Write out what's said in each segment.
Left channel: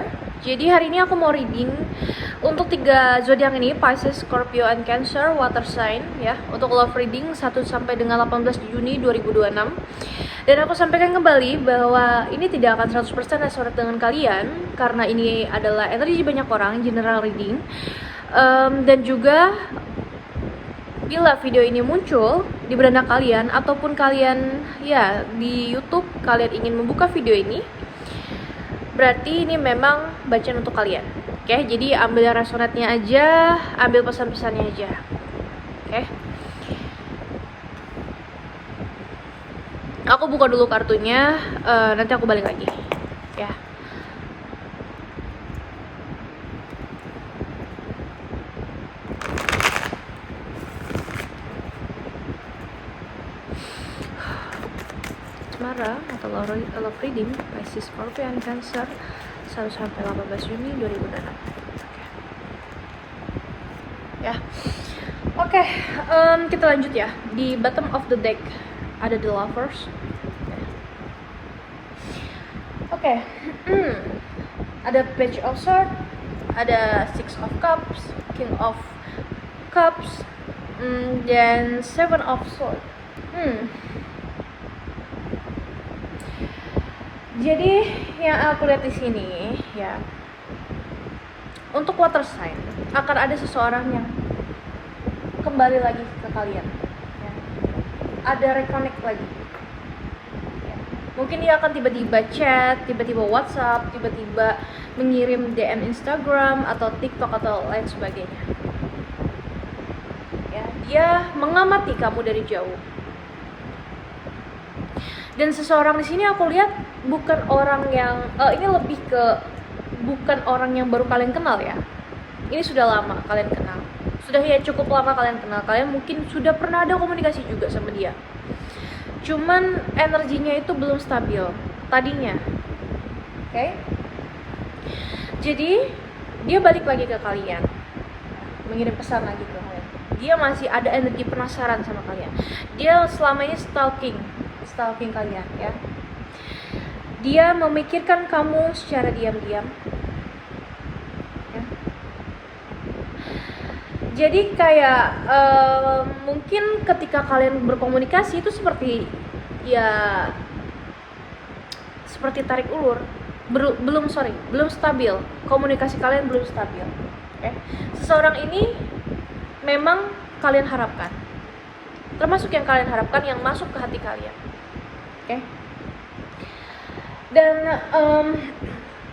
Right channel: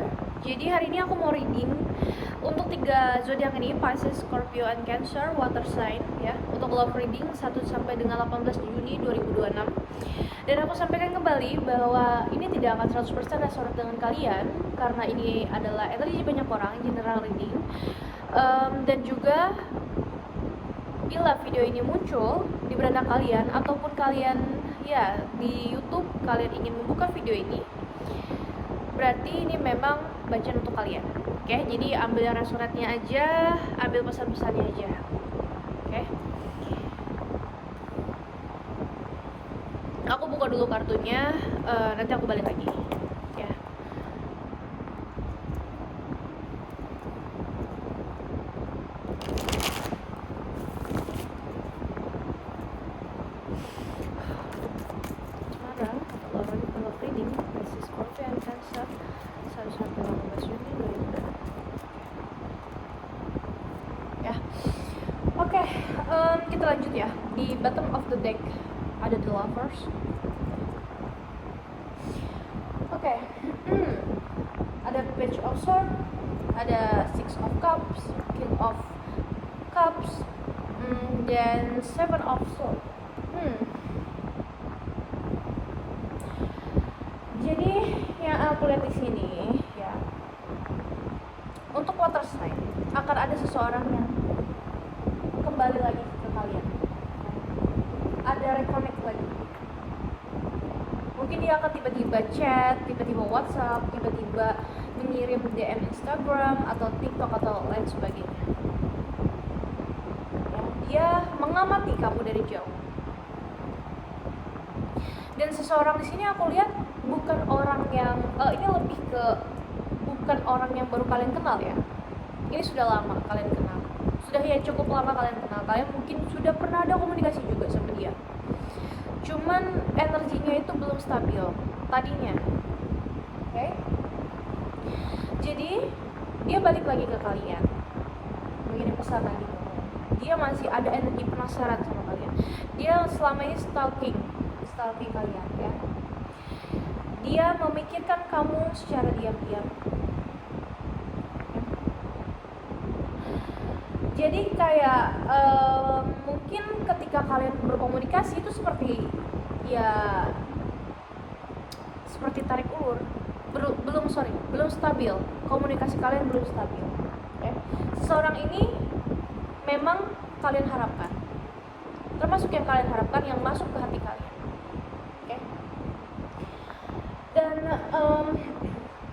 kalian. Jadi hari ini aku mau reading untuk 3 zodiak ini, Pisces, Scorpio, and Cancer, water sign ya. Untuk love reading 1 sampai dengan 18 Juni 2026. Dan aku sampaikan kembali bahwa ini tidak akan 100% resonate dengan kalian karena ini adalah energi banyak orang, general reading. Dan juga bila video ini muncul di beranda kalian ataupun kalian ya di YouTube kalian ingin membuka video ini, berarti ini memang bacaan untuk kalian. Oke, jadi ambil resonatnya aja, ambil pesan-pesannya aja. Oke. Aku buka dulu kartunya, nanti aku balik lagi. Ya. Asmara atau love reading Pisces, Scorpio, and Cancer 1 sampai 18 Juni 2026. Ya. Oke, kita lanjut ya. Di bottom of the deck ada the lovers. Oke. Ada page of swords, ada six of cups, king of cups, dan seven of swords. Jadi yang aku lihat di sini ya, untuk water sign akan ada seseorang yang kembali lagi ke kalian ya. Ada reconnect lagi. Mungkin dia akan tiba-tiba chat, tiba-tiba WhatsApp, tiba-tiba mengirim DM Instagram atau TikTok atau lain sebagainya ya. Dia mengamati kamu dari jauh. Dan seseorang di sini aku lihat bukan orang yang ini lebih ke bukan orang yang baru kalian kenal ya. Ini sudah lama kalian kenal. Sudah ya cukup lama kalian kenal. Kalian mungkin sudah pernah ada komunikasi juga sama dia. Cuman energinya itu belum stabil tadinya. Oke? Jadi dia balik lagi ke kalian. Mengirim pesan lagi ke kalian. Dia masih ada energi penasaran sama kalian. Dia selama ini stalking kalian ya. Dia memikirkan kamu secara diam-diam ya. Jadi kayak mungkin ketika kalian berkomunikasi itu seperti ya seperti tarik ulur. Belum stabil. Komunikasi kalian belum stabil. Okay? Seseorang ini memang kalian harapkan, termasuk yang kalian harapkan yang masuk ke hati kalian. Okay? Dan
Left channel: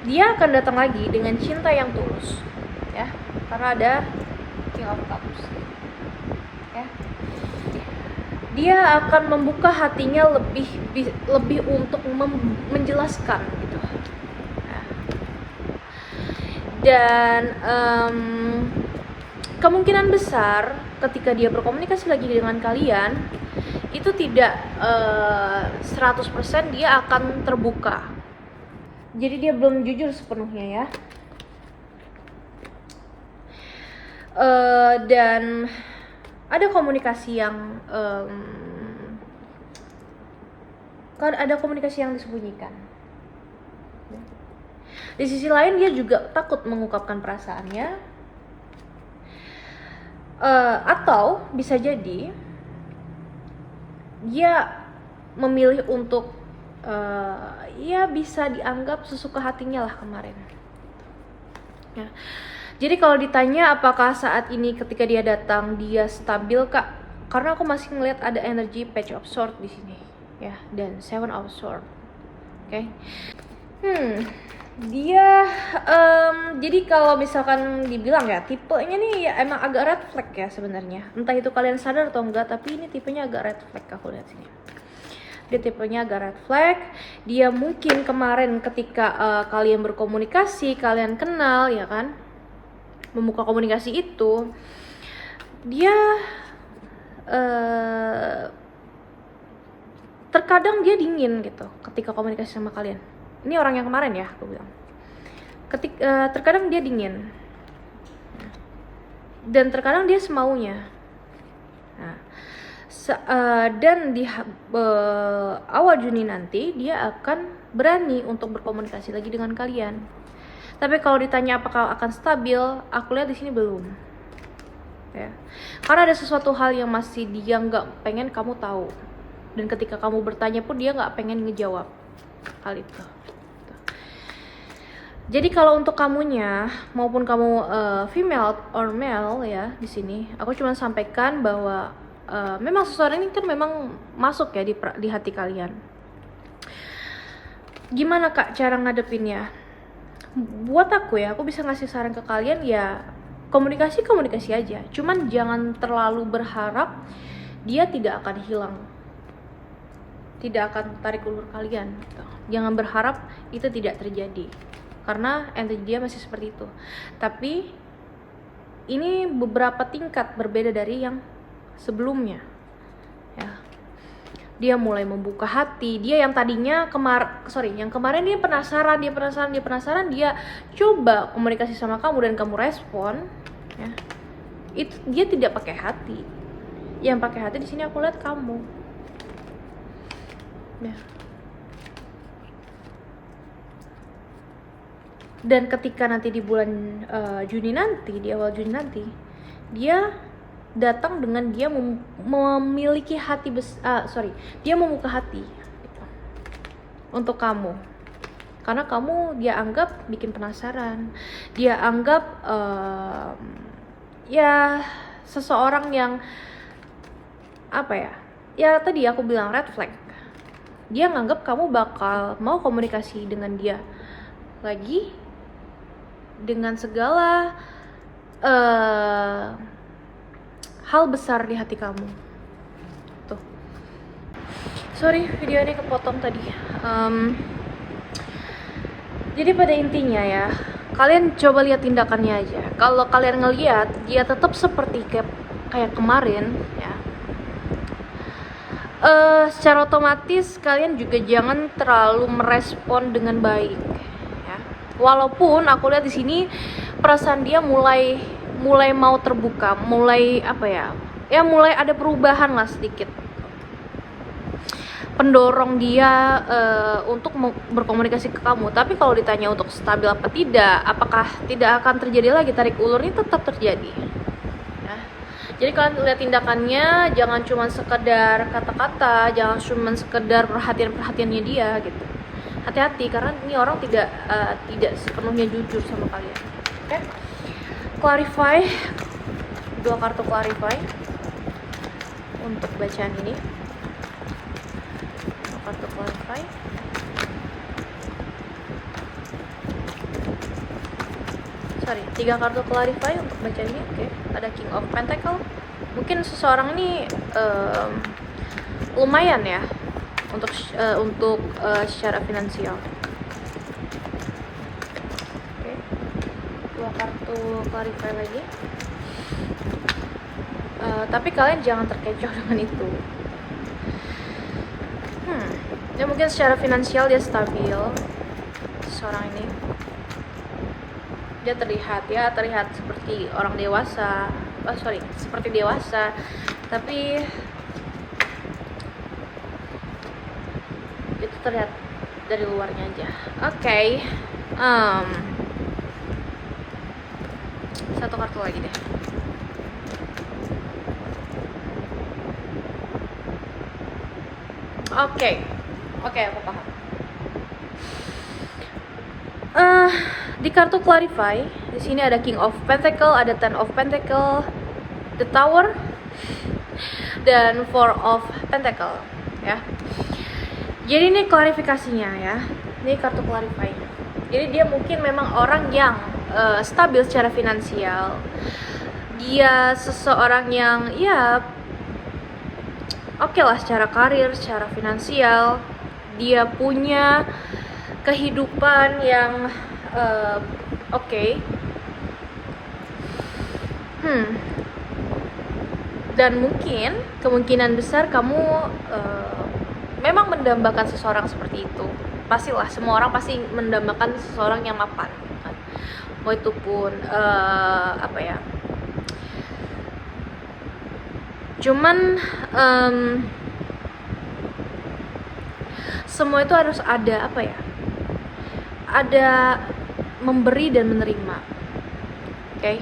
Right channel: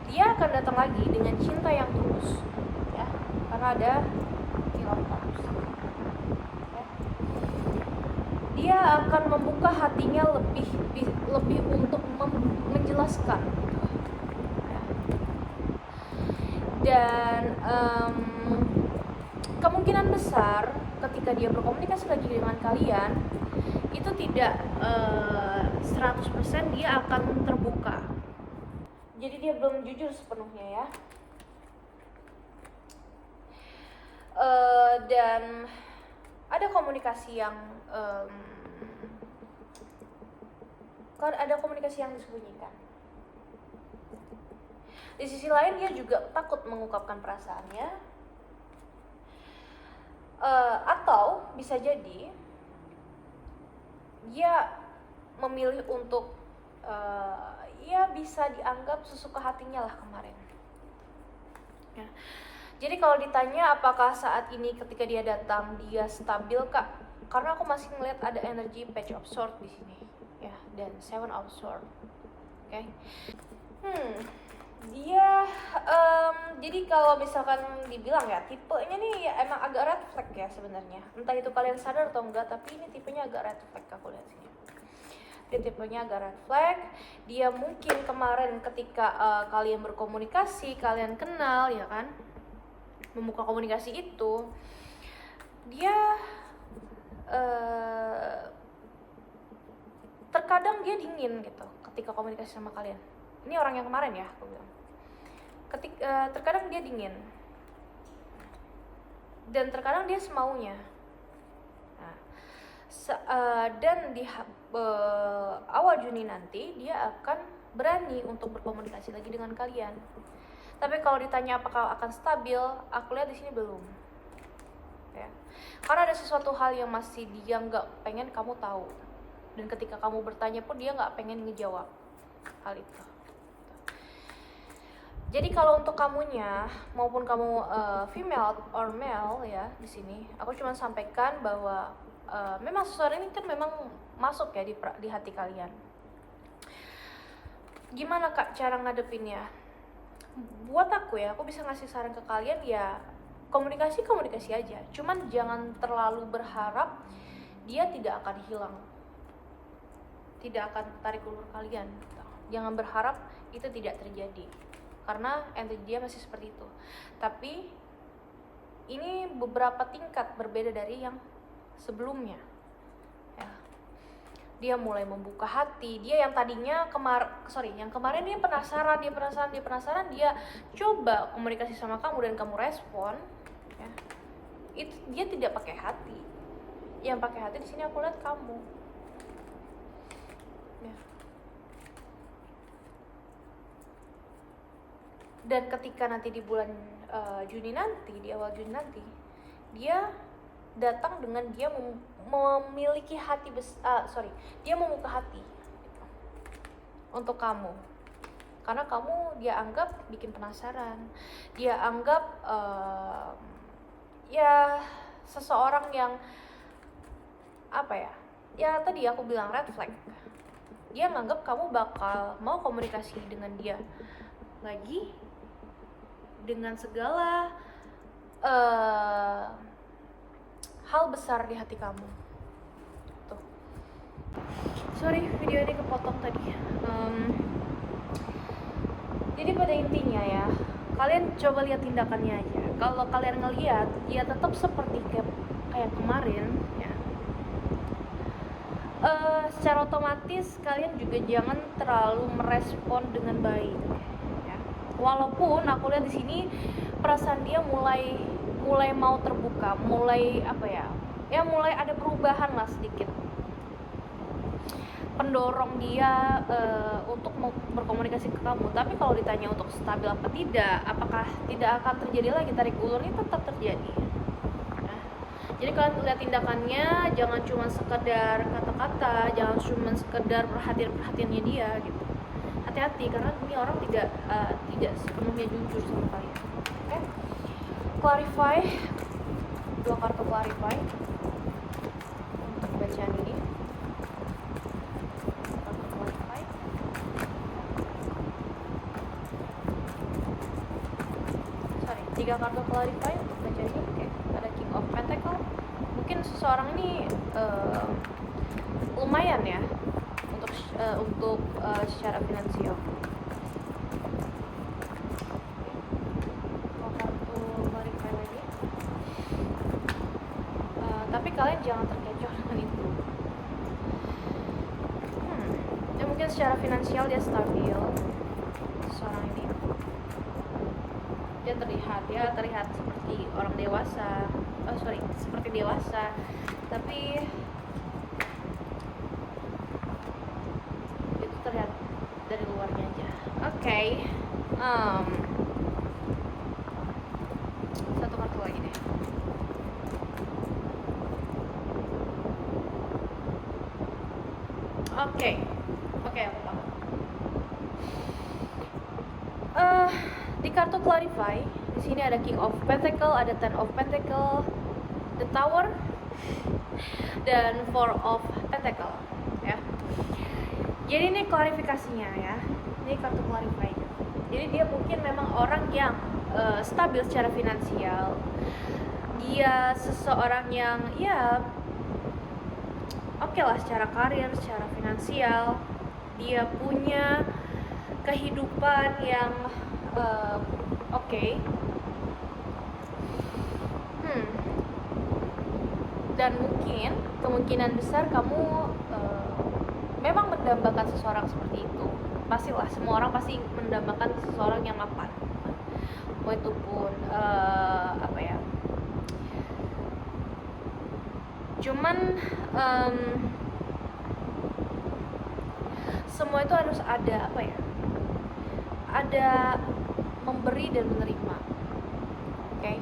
dia akan datang lagi dengan cinta yang tulus ya, karena ada King of Cups ya. Dia akan membuka hatinya lebih untuk menjelaskan gitu. Dan kemungkinan besar ketika dia berkomunikasi lagi dengan kalian itu tidak 100% dia akan terbuka. Jadi dia belum jujur sepenuhnya ya. Dan ada komunikasi yang disembunyikan. Di sisi lain dia juga takut mengungkapkan perasaannya, atau bisa jadi dia memilih untuk ya bisa dianggap sesuka hatinya lah kemarin ya. Jadi kalau ditanya apakah saat ini ketika dia datang dia stabil kak, karena aku masih ngeliat ada energi page of sword di sini ya, dan seven of sword. Oke. Dia jadi kalau misalkan dibilang ya tipenya nih ya emang agak red flag ya sebenarnya. Entah itu kalian sadar atau enggak, tapi ini tipenya agak red flag aku lihat sini. Dia tipenya agak red flag. Dia mungkin kemarin ketika kalian berkomunikasi, kalian kenal ya kan, membuka komunikasi itu, dia terkadang dia dingin gitu ketika komunikasi sama kalian. Ini orang yang kemarin ya aku bilang. Terkadang dia dingin dan terkadang dia semaunya. Nah, dan di awal Juni nanti dia akan berani untuk berkomunikasi lagi dengan kalian. Tapi kalau ditanya apakah akan stabil, aku lihat di sini belum. Ya. Karena ada sesuatu hal yang masih dia nggak pengen kamu tahu. Dan ketika kamu bertanya pun dia nggak pengen ngejawab hal itu. Jadi kalau untuk kamunya maupun kamu female or male ya di sini, aku cuma sampaikan bahwa memang seseorang ini kan memang masuk ya di hati kalian. Gimana Kak cara ngadepinnya? Buat aku ya, aku bisa ngasih saran ke kalian ya, komunikasi aja. Cuman jangan terlalu berharap dia tidak akan hilang, tidak akan tarik ulur kalian gitu. Jangan berharap itu tidak terjadi, karena energi dia masih seperti itu. Tapi ini beberapa tingkat berbeda dari yang sebelumnya ya. Dia mulai membuka hati. Dia yang tadinya yang kemarin dia penasaran, dia coba komunikasi sama kamu dan kamu respon ya. Itu dia tidak pakai hati. Yang pakai hati di sini aku lihat kamu ya. Dan ketika nanti di bulan Juni nanti, di awal Juni nanti, dia datang dengan dia memiliki hati dia membuka hati gitu, untuk kamu, karena kamu dia anggap bikin penasaran, dia anggap ya seseorang yang apa ya tadi aku bilang red flag. Dia nganggap kamu bakal mau komunikasi dengan dia lagi dengan segala hal besar di hati kamu. Tuh. Sorry, video ini kepotong tadi. Jadi pada intinya ya, kalian coba lihat tindakannya aja. Kalau kalian ngelihat dia tetap seperti kayak kemarin ya, secara otomatis kalian juga jangan terlalu merespon dengan baik ya. Walaupun aku lihat di sini perasaan dia mulai mau terbuka, mulai mulai ada perubahan lah sedikit, pendorong dia untuk berkomunikasi ke kamu. Tapi kalau ditanya untuk stabil apa tidak, apakah tidak akan terjadi lagi tarik ulur, ini tetap terjadi ya. Jadi kalian lihat tindakannya, jangan cuma sekedar kata-kata, jangan cuma sekedar perhatiannya dia gitu. Hati-hati, karena ini orang tidak sepenuhnya jujur sama kalian. Oke? Clarify, 2 kartu clarify untuk bacaan ini. 2 kartu clarify. Sorry, 3 kartu clarify untuk bacaan ini. Oke, ada King of Pentacle. Mungkin seseorang ini lumayan ya untuk secara finansial. Clarify lagi. Tapi kalian jangan terkecoh dengan itu. Ya mungkin secara finansial dia stabil. Seorang ini dia terlihat seperti orang dewasa. Seperti dewasa. Tapi itu terlihat dari luarnya aja. Oke. Satu kartu lagi deh. Oke, aku paham. Di kartu clarify, di sini ada King of Pentacle, ada Ten of Pentacle, the Tower, dan Four of Pentacle, ya. Jadi ini klarifikasinya ya. Ini kartu clarify. Jadi dia mungkin memang orang yang stabil secara finansial. Dia seseorang yang ya oke lah secara karir, secara finansial. Dia punya kehidupan yang oke. Dan mungkin kemungkinan besar kamu memang mendambakan seseorang seperti itu. Pastilah, semua orang pasti mendambakan seseorang yang mapan. Mau itu pun cuman semua itu harus ada memberi dan menerima, oke?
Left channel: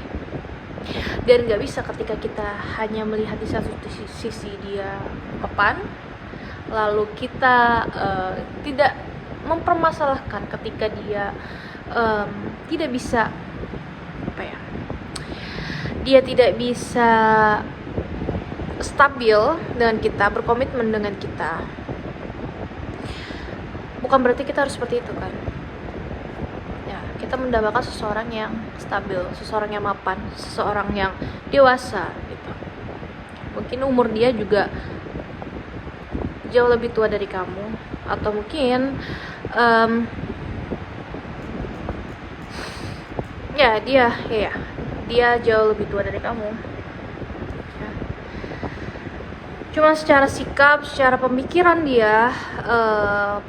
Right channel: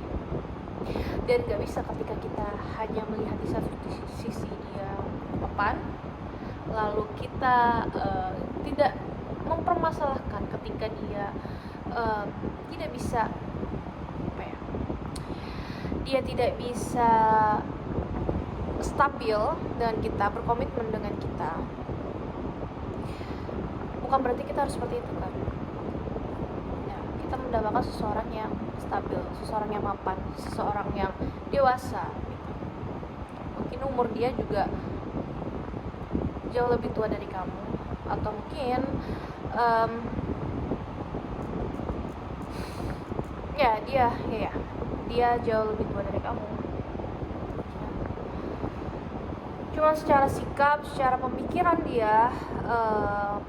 Dan nggak bisa ketika kita hanya melihat di satu sisi dia mapan, lalu kita tidak mempermasalahkan ketika dia tidak bisa apa ya, dia tidak bisa stabil dengan kita, berkomitmen dengan kita. Bukan berarti kita harus seperti itu kan ya. Kita mendapatkan seseorang yang stabil, seseorang yang mapan, seseorang yang dewasa gitu. Mungkin umur dia juga jauh lebih tua dari kamu, atau mungkin dia jauh lebih tua dari kamu. Cuma secara sikap, secara pemikiran dia,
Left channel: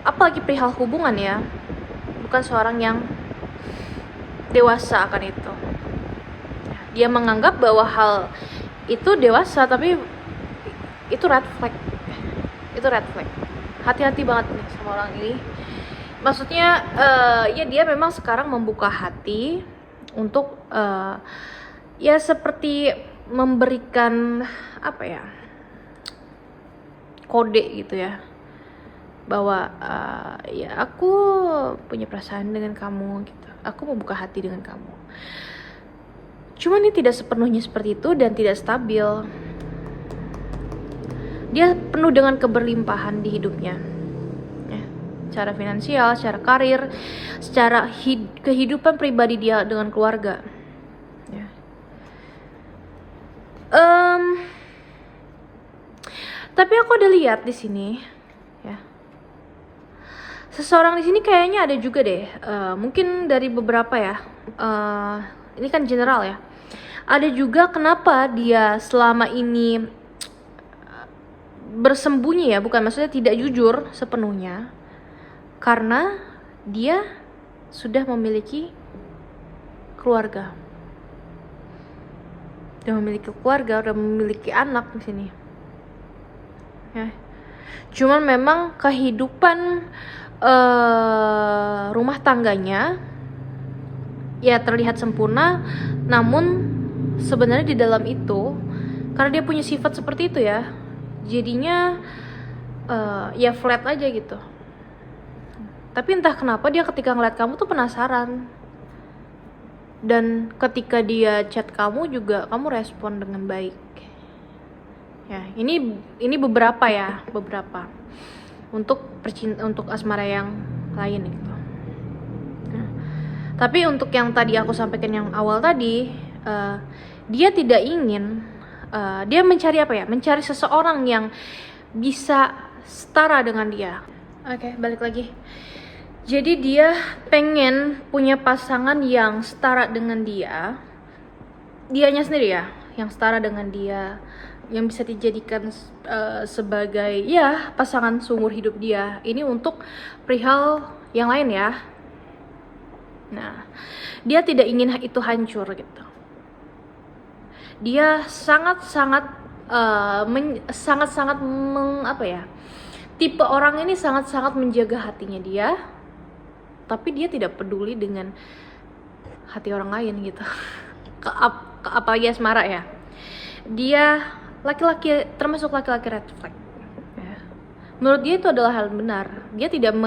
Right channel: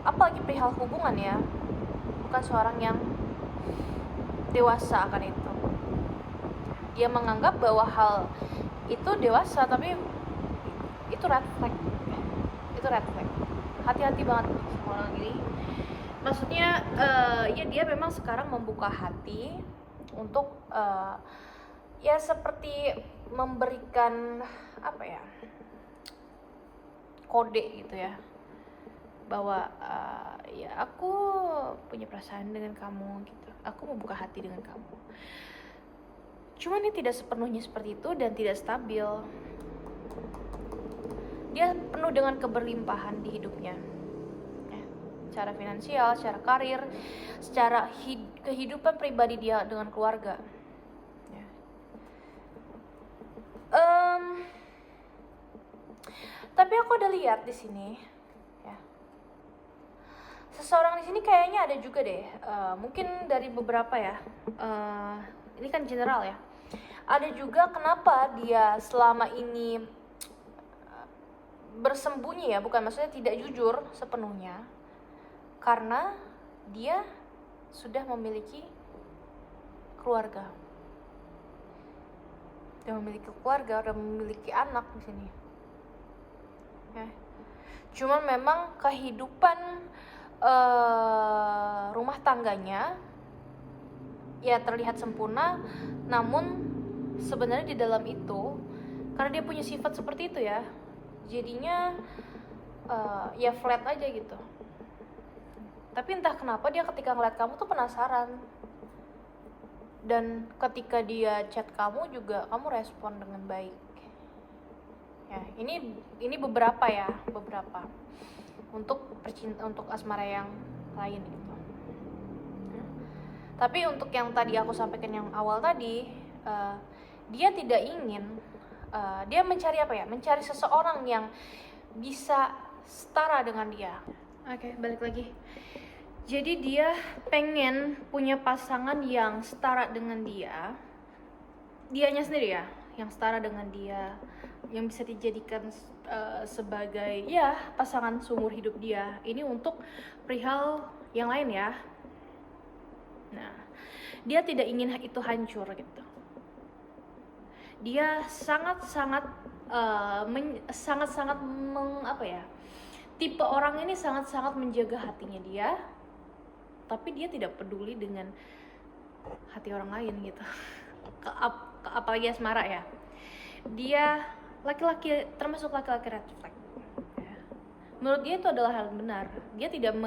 apalagi perihal hubungan ya, bukan seorang yang dewasa akan itu. Dia menganggap bahwa hal itu dewasa, tapi itu red flag. Itu red flag. Hati-hati banget nih sama orang ini. Maksudnya ya dia memang sekarang membuka hati untuk ya seperti memberikan apa ya, kode gitu ya, bahwa ya aku punya perasaan dengan kamu gitu, aku mau buka hati dengan kamu. Cuman ini tidak sepenuhnya seperti itu dan tidak stabil. Dia penuh dengan keberlimpahan di hidupnya ya, secara finansial, secara karir, secara kehidupan pribadi dia dengan keluarga ya. Tapi aku ada lihat di sini ya, seseorang di sini kayaknya ada juga deh, mungkin dari beberapa ya, ini kan general ya, ada juga kenapa dia selama ini bersembunyi ya, bukan maksudnya tidak jujur sepenuhnya, karena dia sudah memiliki keluarga, udah memiliki anak di sini ya. Cuman memang kehidupan rumah tangganya ya terlihat sempurna, namun sebenarnya di dalam itu, karena dia punya sifat seperti itu ya, jadinya ya flat aja gitu. Tapi entah kenapa dia ketika ngeliat kamu tuh penasaran, dan ketika dia chat kamu juga kamu respon dengan baik ya. Ini beberapa untuk asmara yang lain gitu. Tapi untuk yang tadi aku sampaikan yang awal tadi, dia tidak ingin, dia mencari apa ya, mencari seseorang yang bisa setara dengan dia. Oke, balik lagi. Jadi dia pengen punya pasangan yang setara dengan dianya sendiri ya, yang setara dengan dia, yang bisa dijadikan sebagai ya pasangan seumur hidup dia. Ini untuk perihal yang lain ya. Nah, dia tidak ingin itu hancur gitu. Dia sangat-sangat apa ya, tipe orang ini sangat-sangat menjaga hatinya dia, tapi dia tidak peduli dengan hati orang lain gitu. Apalagi asmara ya, dia laki-laki, termasuk laki-laki red flag ya. Menurut dia itu adalah hal benar. Dia tidak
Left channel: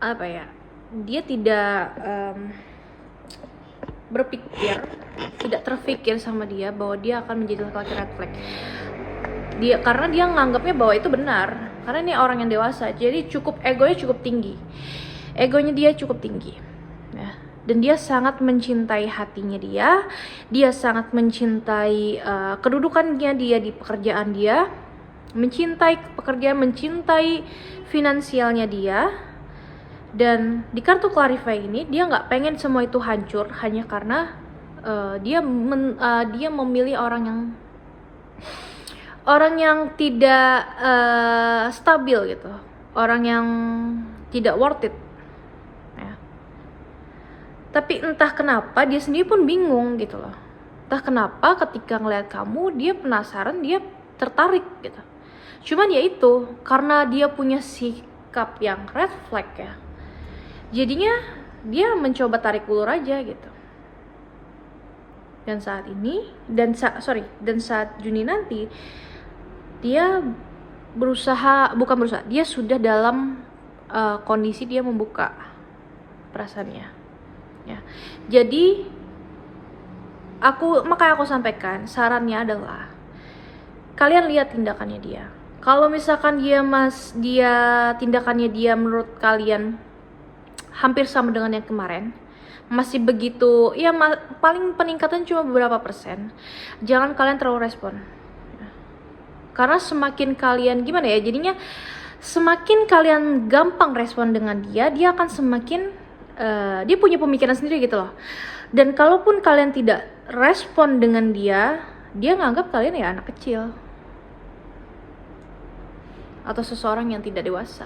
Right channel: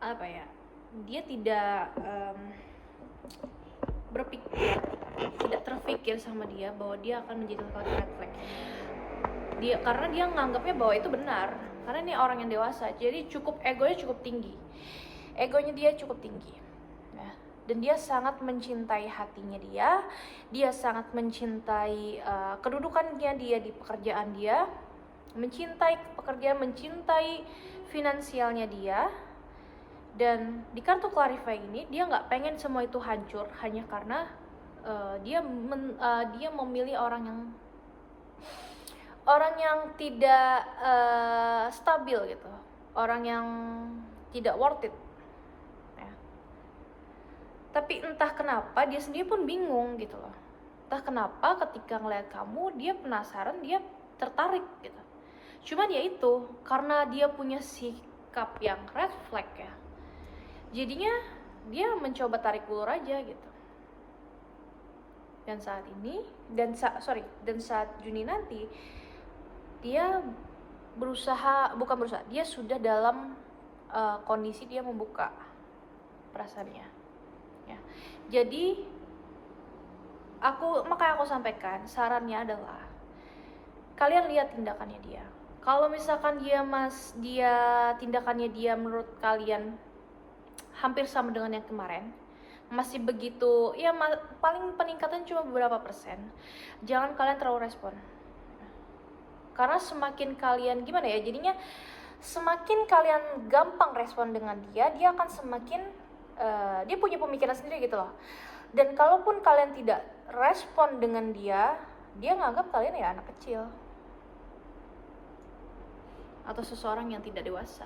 apa ya, dia tidak berpikir, tidak terpikir sama dia bahwa dia akan menjadi laki-laki red flag. Karena dia nganggapnya bahwa itu benar, karena ini orang yang dewasa, jadi egonya cukup tinggi ya. Dan dia sangat mencintai hatinya dia sangat mencintai kedudukannya dia di pekerjaan dia, mencintai pekerjaan, mencintai finansialnya dia. Dan di kartu Clarify ini dia nggak pengen semua itu hancur hanya karena dia memilih orang yang tidak stabil gitu, orang yang tidak worth it ya. Tapi entah kenapa dia sendiri pun bingung gitu loh. Entah kenapa ketika ngeliat kamu dia penasaran, dia tertarik gitu. Cuman ya itu, karena dia punya sikap yang red flag ya. Jadinya dia mencoba tarik ulur aja gitu. Dan saat ini, dan saat Juni nanti, dia dia sudah dalam kondisi dia membuka perasaannya. Ya. Jadi makanya aku sampaikan, sarannya adalah kalian lihat tindakannya dia. Kalau misalkan tindakannya dia menurut kalian hampir sama dengan yang kemarin, masih begitu, ya paling peningkatan cuma beberapa persen, jangan kalian terlalu respon. Karena semakin kalian jadinya semakin kalian gampang respon dengan dia akan semakin dia punya pemikiran sendiri gitu loh. Dan kalaupun kalian tidak respon dengan dia nganggap kalian ya anak kecil atau seseorang yang tidak dewasa.